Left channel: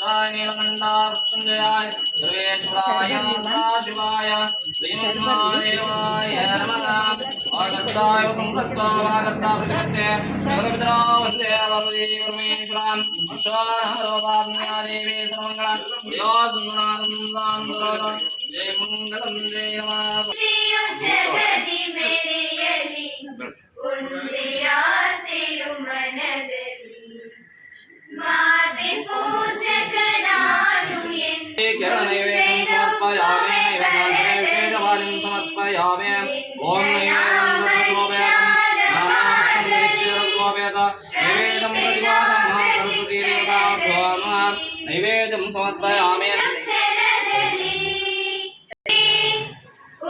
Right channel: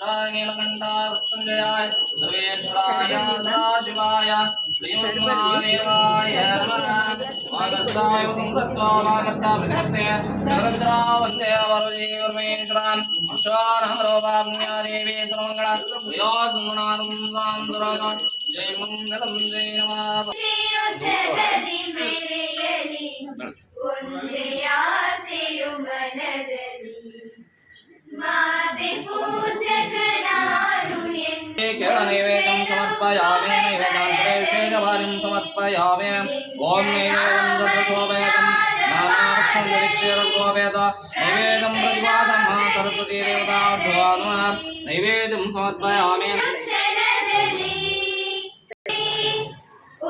नीलकंठाय मृत्युंजयाय सर्वेश्वराय सदाशिवाय श्रीमन्महादेवाय नमः। वागर्ताय वसुमृतो वागर्ता प्रतिपत्ते जगद्विद्रा वन्दे पार्वती परमेश्वरां विश्वानहरोपाज्ञा देवी सर्वमङ्गला व्यासुनानन्दां सरोदं जय मङ्गलं जय नमः। ಜಗದಿ ಮೆರೆಯಲಿ ಒಂದೇ ಆಸೆಯು ಮನದಲ್ಲಿ ಮಾತೆ ಪೂಜಕನಾನು नैवेद्यं समर्पयामि नैवेद्यान्तरे विशेषभाजं समर्पयामि ॐ नैवेद्यं सर्वशोभयतं नानाभक्षं निरीक्ष्यरघोपेत नैवेद्यं प्रतिभासं सरस्वती देवताभ्यो नमः नैवेद्यं समर्पयामि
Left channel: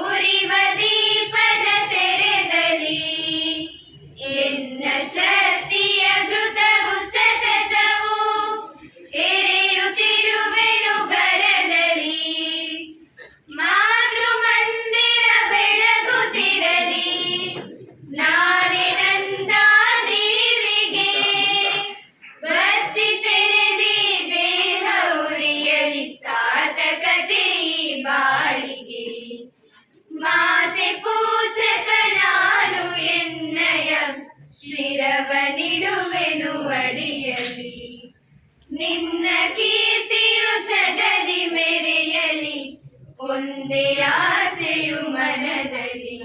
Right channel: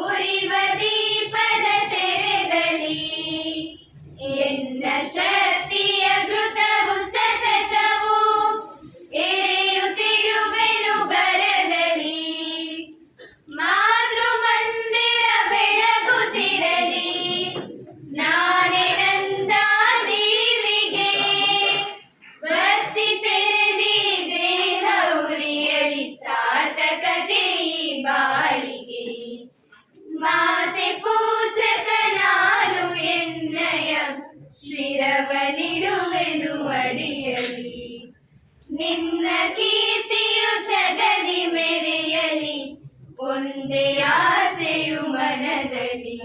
ಉರಿವ ದೀಪದ ತೆರೆದಲ್ಲಿ ಎನ್ನ ಶಕ್ತಿಯ ಘೃತವು ಸತತವು ಎರೆಯುತ್ತಿರುವೆನು ಬರದಲ್ಲಿ ಮಾತೃ ಮಂದಿರ ಬೆಳಗುತ್ತಿರಲಿ ನಾನೇ ನಂದ ದೇವಿಗೆ ಭಕ್ತಿ ತೆರೆದಿ ದೇಹ ಉರಿಯಲಿ ಸಾರ್ಥಕತೆ ಬಾಳಿಗೆ ಮಾತೆ ಪೂಜಕನಾನು ಎನ್ನಯ ಶಿರವನಿಡುವೆನು ಅಡಿಯಲಿ ನಿನ್ನ ಕೀರ್ತಿಯು ಜಗದಿ ಮೆರೆಯಲಿ ಒಂದೇ ಆಸೆಯು ಮನದಲ್ಲಿ